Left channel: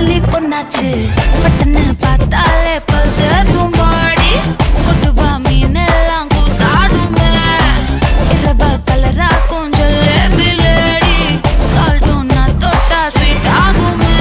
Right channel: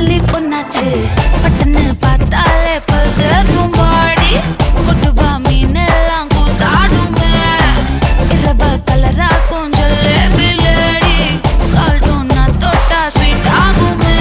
பலி பொண்ணாச்சு பட்டன்னு பார்த்தாலே பல்ஸ் தூம்பாடி கொட்டுபா மீன் எல்லாம் கூத்தாடுமே இரவ கலரா கொஞ்சம் லேபிலேடி சால்ட்டும் நான் தொட்டா ஸ்வீட் ஆகுமே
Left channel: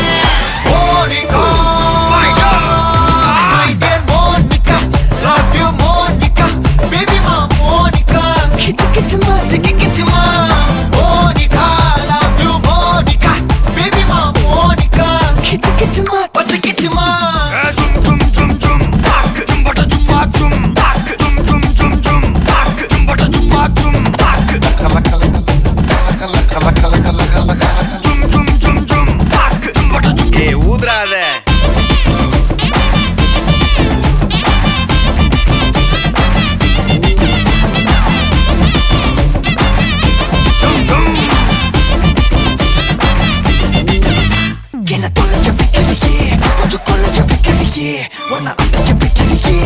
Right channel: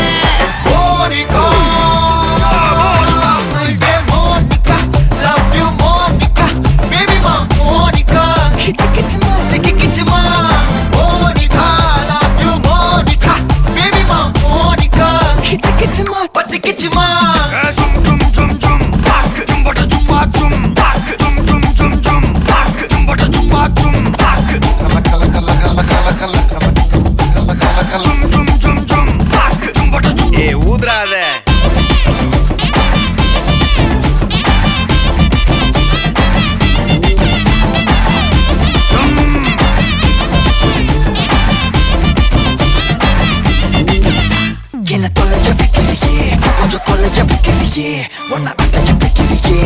ஒன்ன அடைக்க வைக்கிறியே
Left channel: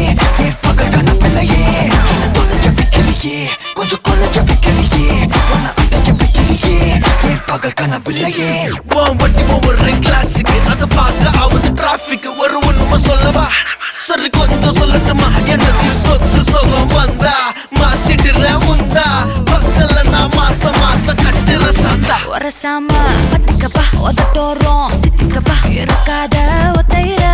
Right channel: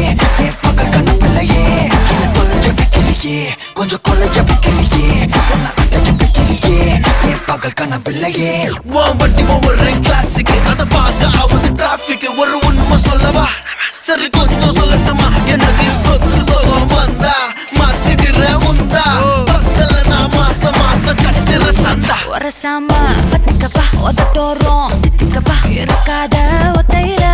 என் பகல் கனவில்லையே என்ன தொலைக்க வைக்கிறியே கொஞ்சம் கொலைக்க வைக்கிறியே ஒன்ன அடைக்க வைக்கிறியே என் பகல் கனவில்லையே வண்டி ஒவ்வொரு கிளாஸுக்கு அதை பார்த்து ஆகுது டிராபிக் ஒரு உண்மை சொல்லவா சரி கொஞ்சம் சொல்லட்டுமா என்னதையும் சொத்து சொல்லம் வந்தா மாத்திடுற உந்தா பக்கத்துல நான் மாசம் கட்டுற சந்தா ஒரசாம பத்திக்கப்பா உதட்டோரம் தித்திக்கப்பா இருக்காத ஒத்தையில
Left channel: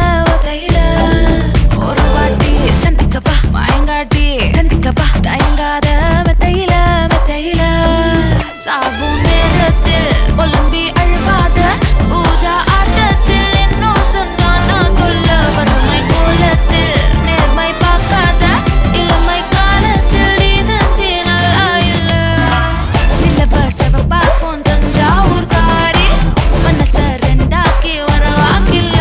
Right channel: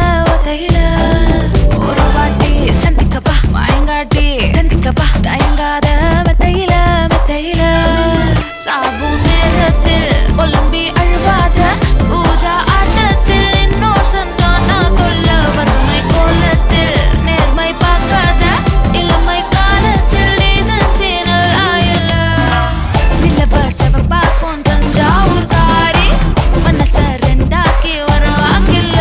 ஒரு வாட்டி சந்திக்கப்பா மாயங்காட்டி கந்திக்கப்பா தயங்காத மெத்தையில சாபு நேரத்தில் ஒலிம்பி அழுவாத பூஜா ஆட்டத்தில் இன்னும் சொன்னா தொல்ல வறுமை கோலத்தில் நேர்மை பார்க்காத இளமை காலத்தில் டீசன்சி நல்லா இல்ல நிலவ செவப்பாக்கும் தஞ்சாவூர் காரி மனச ரெண்டாக்கி வர வாக்கில்ல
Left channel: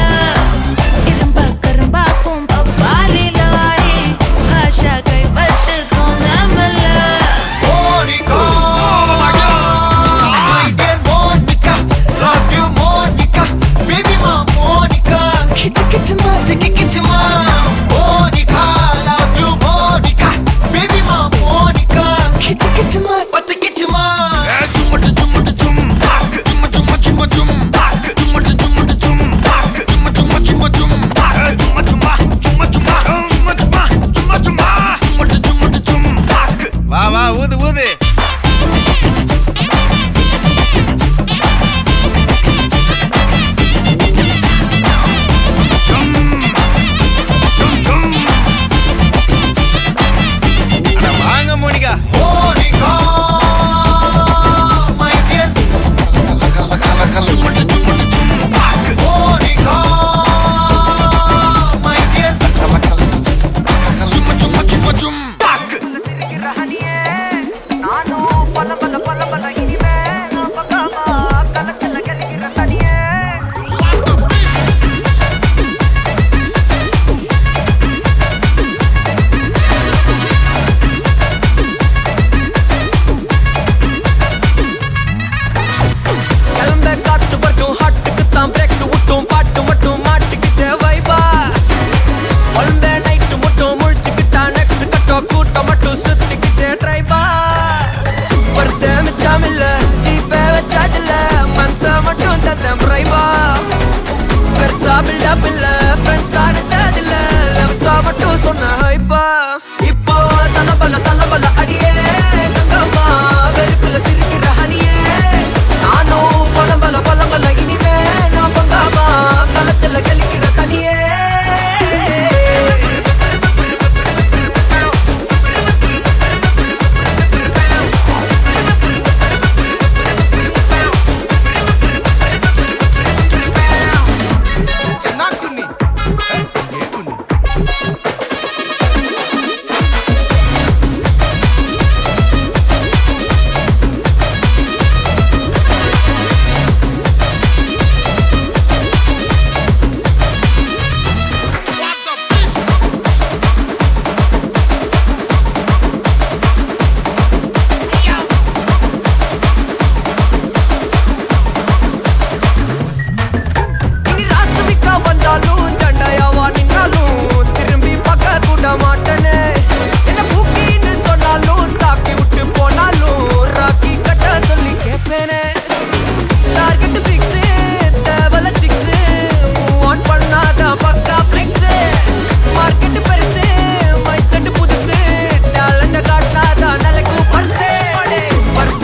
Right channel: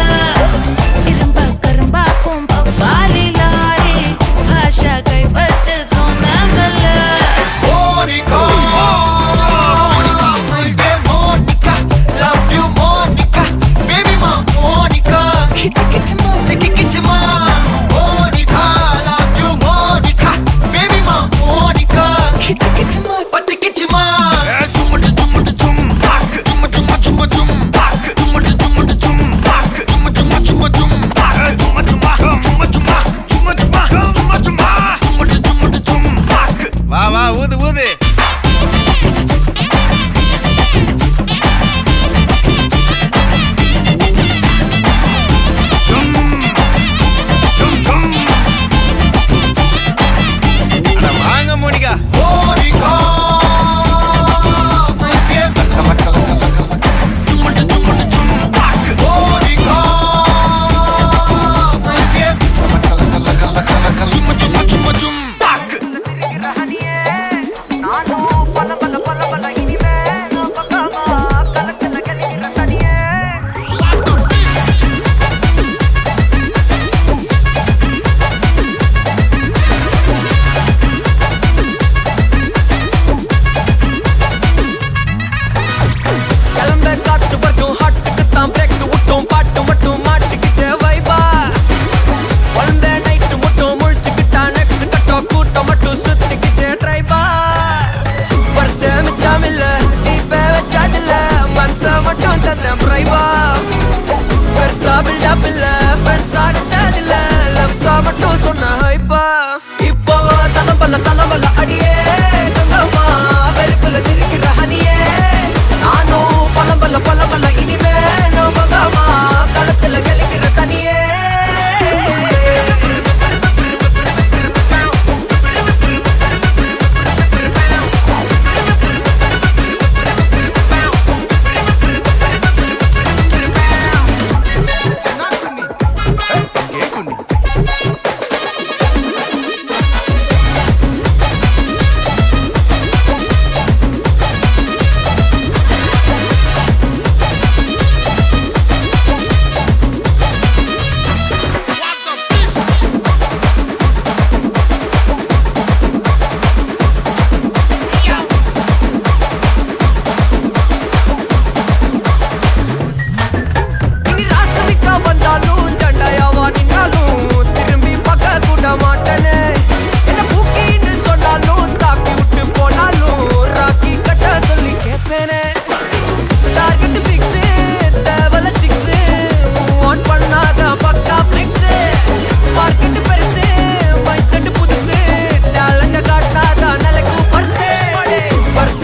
இரும்ப கரும்பாக்கும் பப்பாலி லாரி பாஷா கைப்பட்டுக்கும் நம்பல வா ஊது ஊது வாங்க மோனிகா இப்போ சலம்பல அடியே கங்கம்மா வெறுப்புல சிரிக்கிற ஹனியே நானும் பலம்பல இனிமே நோபங்காமா களத்துல கெளிக்கிற தனியே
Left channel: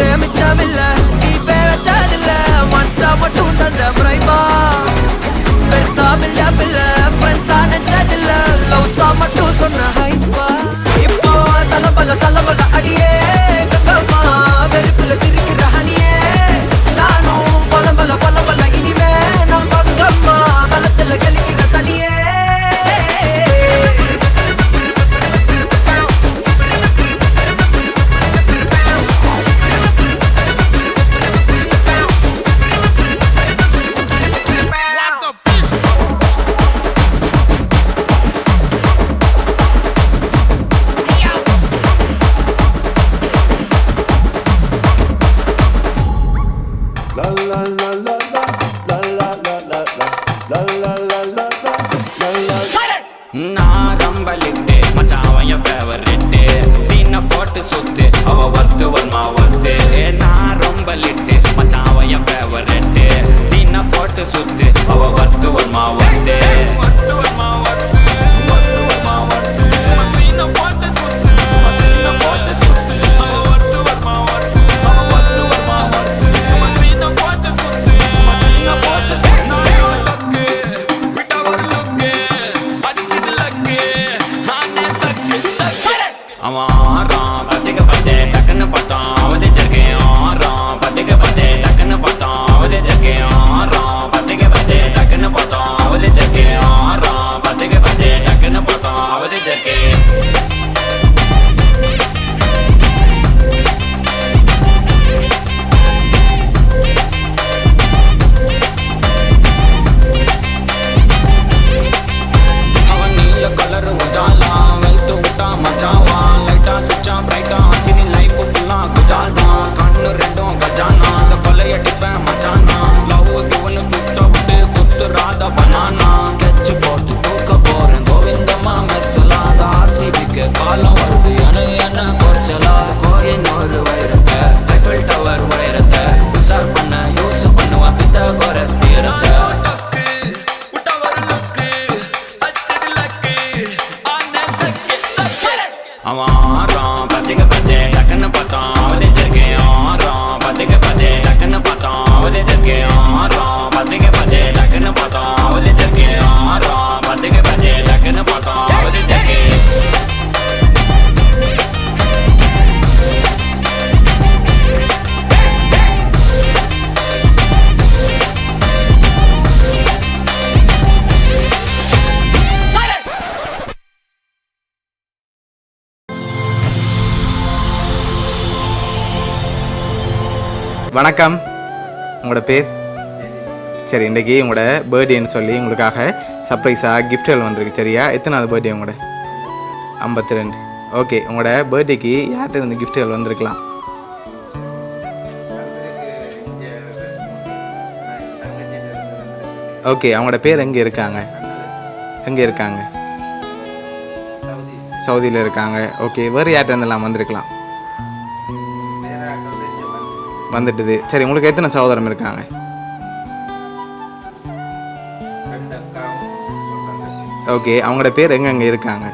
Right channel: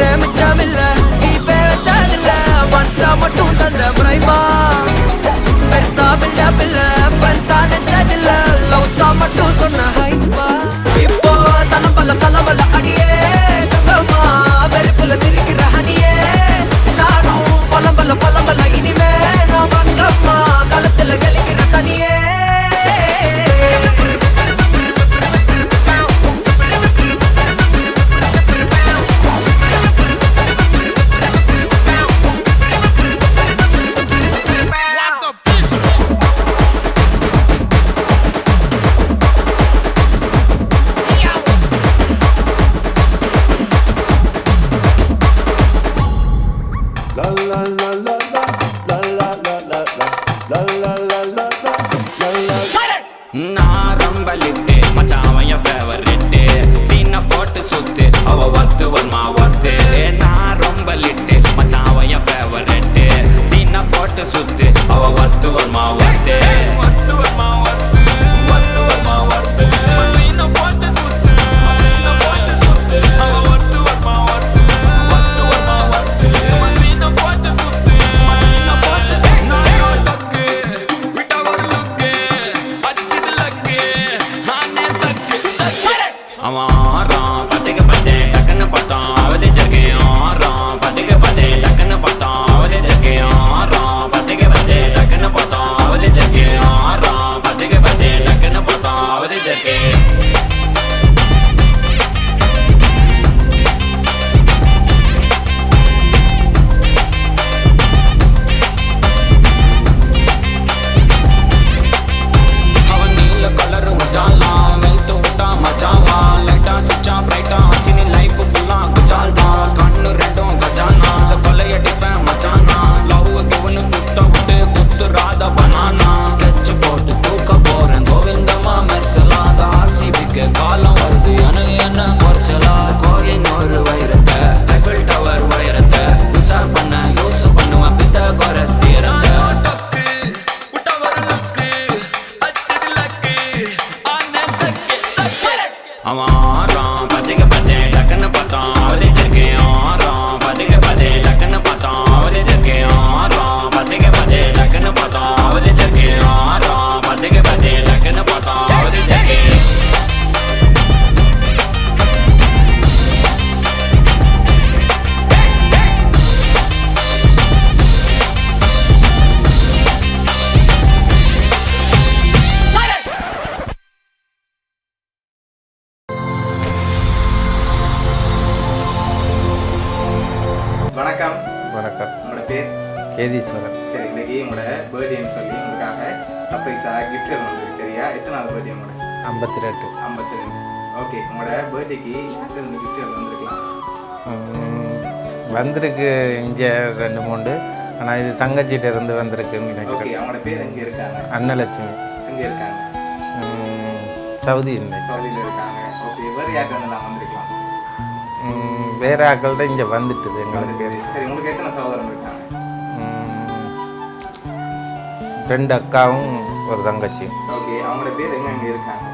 காசே மிச்சமில்ல ஜீபே வச்சதில்ல மனசா மட்டும் தந்த முறைமா பெருசா பில்டப் இல்ல ஃப்ரெண்ட்ஸா நினைச்சதில்ல லவ்ஸா மட்டும் சொன்ன ஹைப்பா இப்போ சலம்பல அடியே கங்கம்மா வெறுப்புல சிரிக்கிற ஹனியே நானும் பலம்பல இனிமே நான் மங்கம்மா களத்துல கலிக்கிற தனியே நான் ரொம்ப லிட்டு மச்சான் என் ஃபேவரிட்டு சீனை போட்டு சுத்து அவ ஒர்த்து வருமா ஒர்த்து நான் ரொம்ப லிட்டு மச்சான் என் ஃபேவரிட்டு சீனை போட்டு சுத்து அவ ஒர்த்து வருமா ஒர்த்து ஒர்த்து வருமா ஒர்த்து ஒர்த்து வருமா ஒர்த்து சீனை போட்டு சுத்து சீனை போட்டு சுத்து அவ ஒர்த்து வருமா ஒர்த்து ஒர்த்து வருமா ஒர்த்து சீனை போட்டு சுத்து சீனை போட்டு நான் டக்கு விட்டா ஒரு லுக்கு அவன் ஆறான் பத்துக்கு பத்து டக்குன்னு பார்த்தான் அவதிச்சிருக்கேன் ஆறான் பத்துக்கு பத்து டக்குன்னு பார்த்தான் அவதிச்சிருக்கேன் ஆறான் பத்துக்கு பத்து டக்குன்னு பார்த்தான் அவதிச்சிருக்கேன் ஆறான் பத்துக்கு பத்து டக்குன்னு பார்த்தான் அவதிச்சிருக்கேன் அவன் நீல கலரு உஜாலாம் வெல்த்து விட்டா மச்சாவான் லைட்டா சுச்சா பிரைட்டா ஆச்சு நீ லைஃப் ஃபுல்லா குஜால் தான் கண்ணு ரெண்டும் கஜானா அந்த கொலையடிப்பேன் மச்சானா லவ் கிவனு சுட்ட விட்டு குத்துறாத பனானா ஸ்கெட்ச் போட்டு தூக்க போறேன் கோவிந்தம்மா மெர்சலாத ஆர்சிபிக்கு காலம் வருது எனக்கு என்ன குறைச்சலா கோயின் ஒரு வைரத்தை ஐஃபில் டவர் வைரத்தை உஷார் பண்ண யூஸ் பண்ணுவேன் பித்த கோரஸ் தீரத்தை அவன் ஆறான் பத்துக்கு பத்து டக்குன்னு பார்த்தான் அவதிச்சிருக்கேன் ஆறான் பத்துக்கு பத்து டக்குன்னு பார்த்தான் அவதிச்சிருக்கேன் ஆறான் பத்துக்கு பத்து டக்குன்னு பார்த்தான் அவதிச்சிருக்கேன் ஆறான் பத்துக்கு பத்து டக்குன்னு பார்த்தான் அவதிச்சிருக்கேன் வணக்கம். வணக்கம். உங்களோட பேர்? ஏதீஸ்வரன். சரி, இன்றைக்கி உங்களோட பர்த்டேன்னு சொல்லி உங்களுக்காக சர்ப்ரைஸாக கிஃப்ட்கள் வந்திருக்கு. சரியா? எத்தனாவது பர்த்டே உங்களோட? 52. 52. ஓகே, உங்களோட பர்த்டேக்கு யார்கிட்ட இருந்து கிஃப்ட்கள் வந்திருக்கலாம்? வந்திருக்கு இங்கே 2-3, ஆனால் இது தங்கச்சிட்ட இருந்து வந்திருக்கு. ஓகே, அவங்களோட பேர் எங்கே இருக்காங்க? அன்னலட்சுமி. எங்கே இருக்காங்க? சவுதியில். சவுதியில் இருக்காங்க. ஓகே, வேறு யார்கிட்ட இருந்தெல்லாம் வந்திருக்கலாம்? வேறு ஆக்கள்கிட்ட இங்கே வந்துட்டுது. சரி, உங்களுக்கு எத்தனை சகோதரம் இருக்காங்க? 2 அக்காவும் ஒரு தங்கச்சி. ஓகே, அவங்களோட பேர் எங்கெங்கே இருக்காங்க?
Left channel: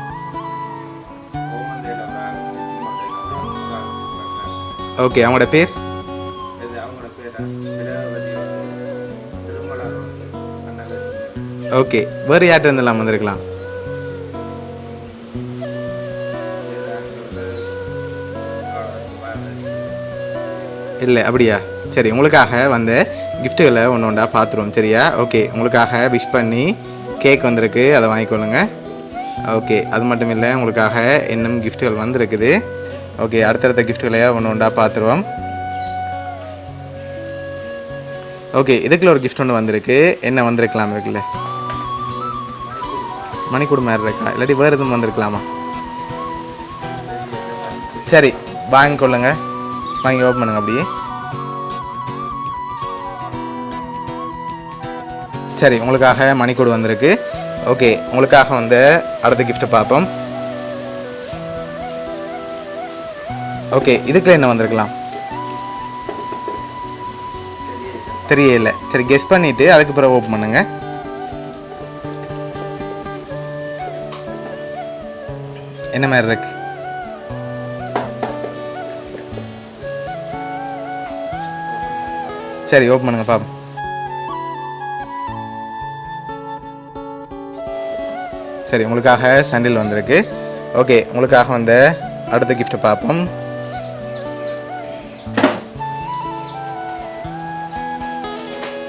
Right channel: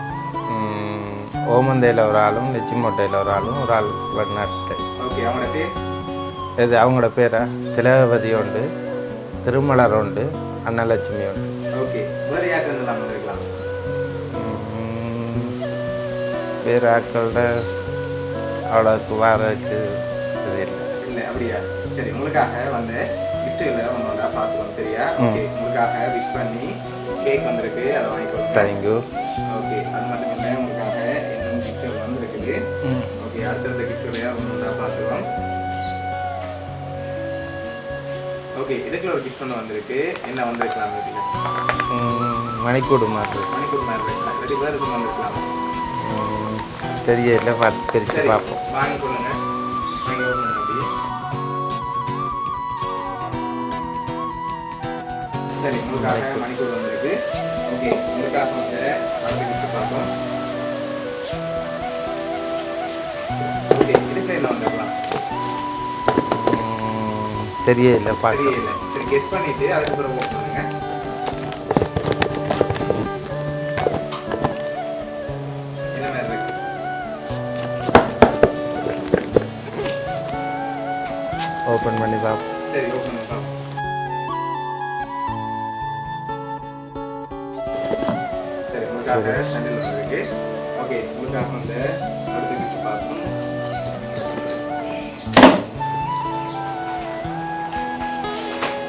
ஓமந்தையில் ஒரு ஆளும், லட்சுமோட்டையில் ஒரு ஆளும், ஒரு ஆள் வெளிநாட்டில். ஓகே, அவங்களோட பேர்? இது அவங்களோட பேரா? திலகவதி உண்டு, திருமலர் உண்டு, அன்னலட்சுமி உண்டு. ஓகே, வேறு யார்கிட்ட இருந்தெல்லாம் வந்திருக்கலாம்? வேறு ஆட்கள்கிட்ட அவ்வளோக்கு வாராச்சு இல்லை. அப்படியா? சரி, உங்களுக்காக வந்த கிஃப்ட்டுகளை ஒன்று ஒன்றா பார்த்துருவோம். சரியா? ஓகே, உங்களுக்காக விஷ் பண்ணி கேக் வந்திருக்கு, அதை வாங்கிக்கொள்ளுங்க. ஓகே, அது மட்டும் இல்லை, உங்களுக்காக இன்னும் கிஃப்ட்டுகள் வந்திருக்குது. ஓகே, அடுத்தடுத்த கிஃப்ட்டுகளை ஒன்று ஒன்றா பார்த்துருவோம். ஓகே, இதுக்குள்ள ஒரு கிஃப்ட் ஒன்று வந்திருக்கு. என்ன வந்திருக்கலாம் இருக்குல்ல? மணிக்கூடு மாதிரி இருக்கா? இல்லாட்டி வேறு எதுவும் வந்திருக்கலாமா? தெரியல. சரி, வாங்கிக்கொள்ளுங்க. வாங்கி ஓப்பன் பண்ணுங்க அப்படியே. சரி, உங்களுக்காக மணிக்கூடு வந்திருக்கு. ஓகே, உங்களுக்காக வந்து அடுத்த கிஃப்ட் பார்ப்போம். ஓகே, இதுக்குள்ள என்ன வந்திருக்கலாம்? தெரியல. சரி, கெஸ் பண்ணிட்டு அதுக்கு பிறகு ஓப்பன் பண்ணுங்க. என்ன மாதிரி இருக்கு? ஓப்பன் பண்ணி பார்ப்போம். சரி ஓப்பன் பண்ணுங்க பாப்போம். சரி உங்களுக்காக சாண்டில் வந்திருக்கு. ஓகே உங்களுக்காக வந்த அடுத்த கிஃப்ட் பார்ப்போம்.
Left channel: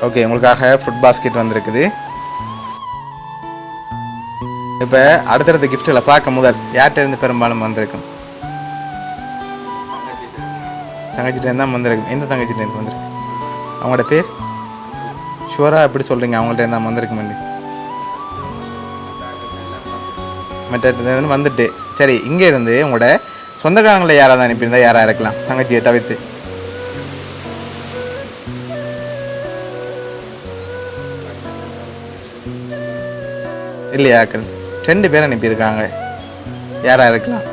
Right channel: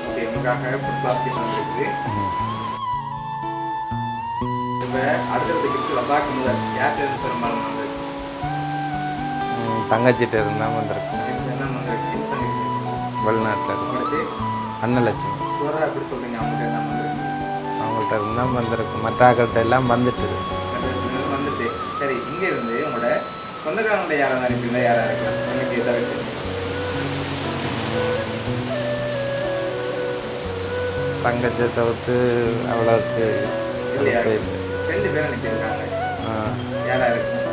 ஓகே உங்களுக்காக ஃபுட் பாஸ்கெட் வந்திருக்குது. இப்போ அடுத்தடுத்த கிஃப்ட்டில் பார்க்க முதல் யார்கிட்ட இருந்து பெரும்பாலும் வந்திருக்கும்? தங்கச்சிட்ட இருந்தால் வந்திருக்கு. தங்கச்சிட்ட இருந்தால் வந்திருக்கு. எந்த தங்கச்சிட்ட இருந்து வந்திருக்கு? வெளிநாட்டில். அவங்களோட பேர் அன்னலட்சுமி. ஷுவராக எப்படி சொல்கிறீங்க? அவங்கள்ட்ட இருந்தால் வந்திருக்கு மல்லி. அவங்கள்ட்ட இருந்தால் வந்திருக்கு. மற்ற ஆக்கள்கிட்ட எல்லாம் வந்துட்டு. மற்ற வந்துட்டு. சரி இங்கே இருந்து உங்களோட சொந்தக்காரங்களை யாராவது அனுப்பியிருந்தா யாராக இருக்கலாம் தங்கச்சியை தவிர்த்து? தங்கச்சியை தவிர்த்து அவ்வளோக்கு இல்லையா? 2 பேர் அனுப்பியிருக்காங்க. யாராக இருக்கலாம்?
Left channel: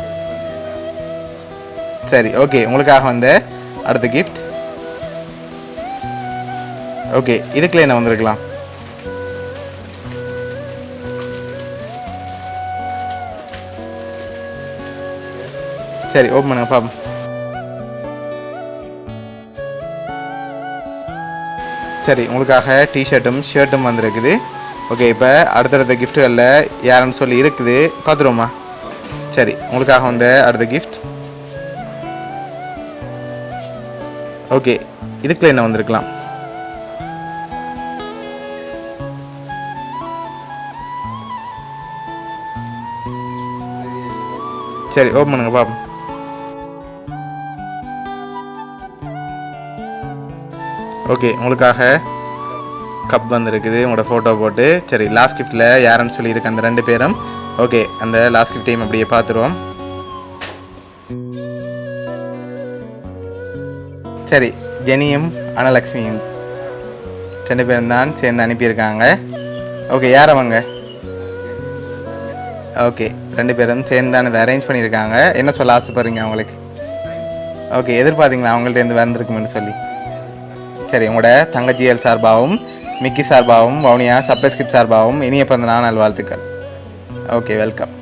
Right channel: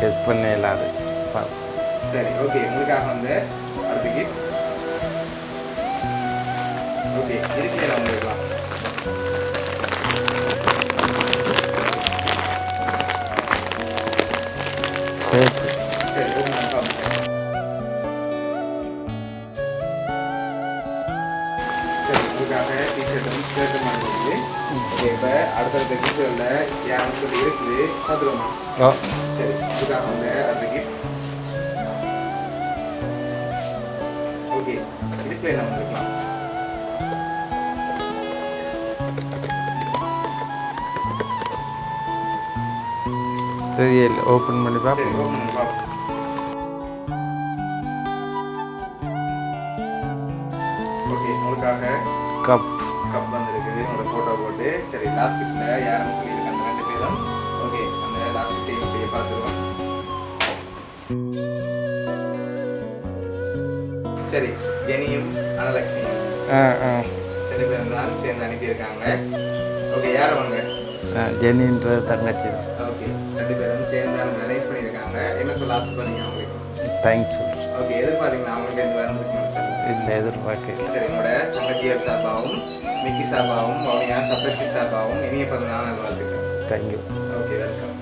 செக் பண்ண இல்லாது. சரி ஓகே உங்களுக்காக வந்த அடுத்த கிஃப்ட். ஓகே இதுக்குள்ள என்ன வந்திருக்கலாம்? சரி ஓப்பன் பண்ணுங்க பாப்போம். சரி உங்களுக்காக டிஷர்ட்டும் ஷர்ட்டும் வந்திருக்குது. ஓகே இப்போ அடுத்தடுத்த கிஃப்ட்டுகளில் யாருன்னு சொல்லி இருக்குது பார்த்துருவோமா? சரி உங்களுக்காக வந்த அடுத்த கிஃப்ட். ஓகே இதுக்குள்ள என்ன வந்திருக்கலாம்? தெரியல. ஓப்பன் பண்ணி சரி ஓப்பன் பண்ணுங்க பாப்போம். ஓகே உங்களுக்காக கப் வந்திருக்குது உங்களோட ஃபோட்டோ போட்டு. சரி லாஸ்ட் கிஃப்ட்டில் யாருன்னு சொல்லியிருக்கு அந்த 2 பேரும். ஓகே அந்த லாஸ்ட் கிஃப்டையும் அப்படியே பார்த்துருவோம். சரி ஜெனியும் அனலக்ஷ்மியும் 2 பேரும் தான் சேர்ந்து அனுப்பியிருக்காங்க. ஓகே யார் அவங்க? ஜெனின்ற தங்கச்சி. ஓகே 2 பேரும் சேர்ந்து தான் இதை அரேஞ்ச் பண்ணியிருக்காங்க. என்ன சொல்ல ஆசைப்படுறீங்க அவங்களுக்கு? தேங்க்ஸ். ஓகே எதிர்பார்த்தீங்களா அவங்கள்ட்ட இருந்து வந்திருக்குமென்னு சொல்லி? இல்லை எதிர்பார்க்க. சரி உங்களோட தங்கச்சியல் சார்பாகவும் மிக்கி சார்பாகவும் வவுனியா சப்ஸ்கிரிப்ட் சார்பாகவும் இனிய பிறந்த நாள் நல்வாழ்த்துக்கள். தேங்க்யூ. Okay welcome.